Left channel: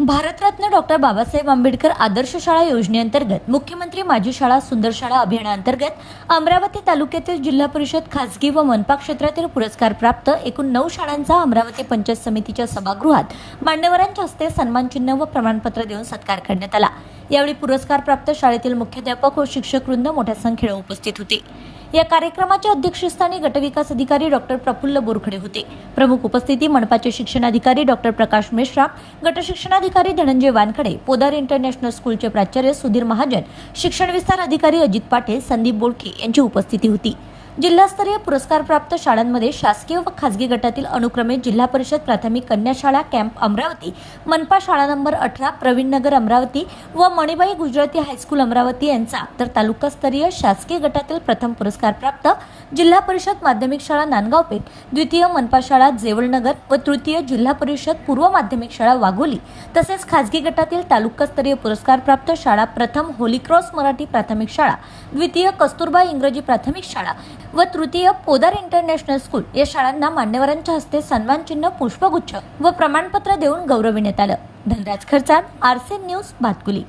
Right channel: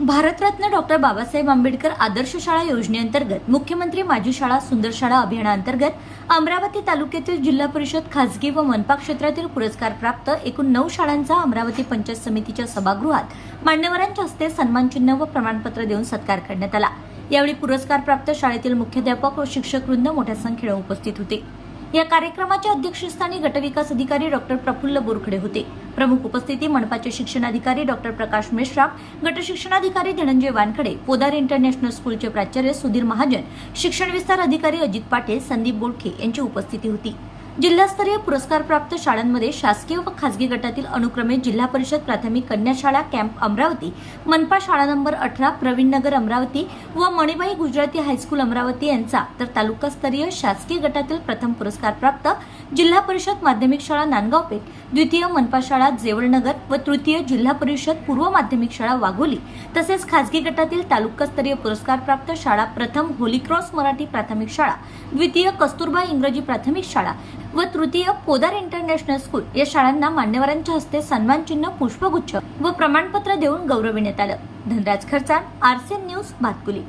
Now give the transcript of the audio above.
Bharat Ratna doctor Babasaheb Ambedkar आदर्श शाळा योजनेअंतर्गत मुख्यमंत्री माझी शाळा सुंदर शाळा अभियानाअंतर्गत अमरावती तालुक्यातील जिल्हा परिषद खासगी व मनपा क्षेत्रातील पुरस्कार प्राप्त एकूण नऊ शाळांचा अमरावती पंचायत समितीच्या सभागृहात मान्यवरांच्या हस्ते सन्मानचिन्ह व प्रमाणपत्र देऊन सत्कार करण्यात आला. यावेळी पुरस्कार प्राप्त शाळेतील मुख्याध्यापक व शिक्षक वृंद मोठ्या संख्येने उपस्थित होते. या कार्यक्रमाच्या अध्यक्षस्थानी गटविकास अधिकारी डॉक्टर प्रफुल्ल बोरखडे होते. प्रमुख उपस्थिती मनपाचे शिक्षणाधिकारी डॉक्टर प्रकाश मेश्राम गटशिक्षणाधिकारी धनंजय वानखडे पोदार इंटरनॅशनल स्कूलचे प्राचार्य सुधीर महाजन शिक्षण विस्तार अधिकारी अजित पाटील संदीप बोडखे यांची उपस्थिती होती. जिल्हास्तरीय पुरस्कारप्राप्त शाळांमध्ये शासकीय व खासगी गटातील अनुक्रमे जिल्हा परिषद प्राथमिक कन्या शाळा कॅम्प अमरावती मनपा शाळा नंबर अठरा प्रवीण नगर अमरावती व मणिबाई गुजराती हायस्कूल अमरावती यांचा तर तालुकास्तरीय शासकीय गटातील प्रथम पुरस्कारप्राप्त जिल्हा परिषद माध्यमिक शाळा नांदगाव पेठ द्वितीय मनपा शाळा जेवळनगर व तृतीय जिल्हा परिषद पूर्व माध्यमिक शाळा वाघोली तसेच खासगी गटातील तालुकास्तरीय पुरस्कारप्राप्त शाळा प्रथम होलीक्रॉस मराठी प्राथमिक शाळा द्वितीय कस्तुरबा इंग्रजी प्राथमिक शाळा व तृतीय पोदार इंटरनॅशनल स्कूल या शाळांना मान्यवरांच्या हस्ते सन्मानचिन्ह पुष्पगुच्छ व प्रमाणपत्र देऊन गौरविण्यात आलं. धनराज खर्चात आरसीएम न्यूज भातकुली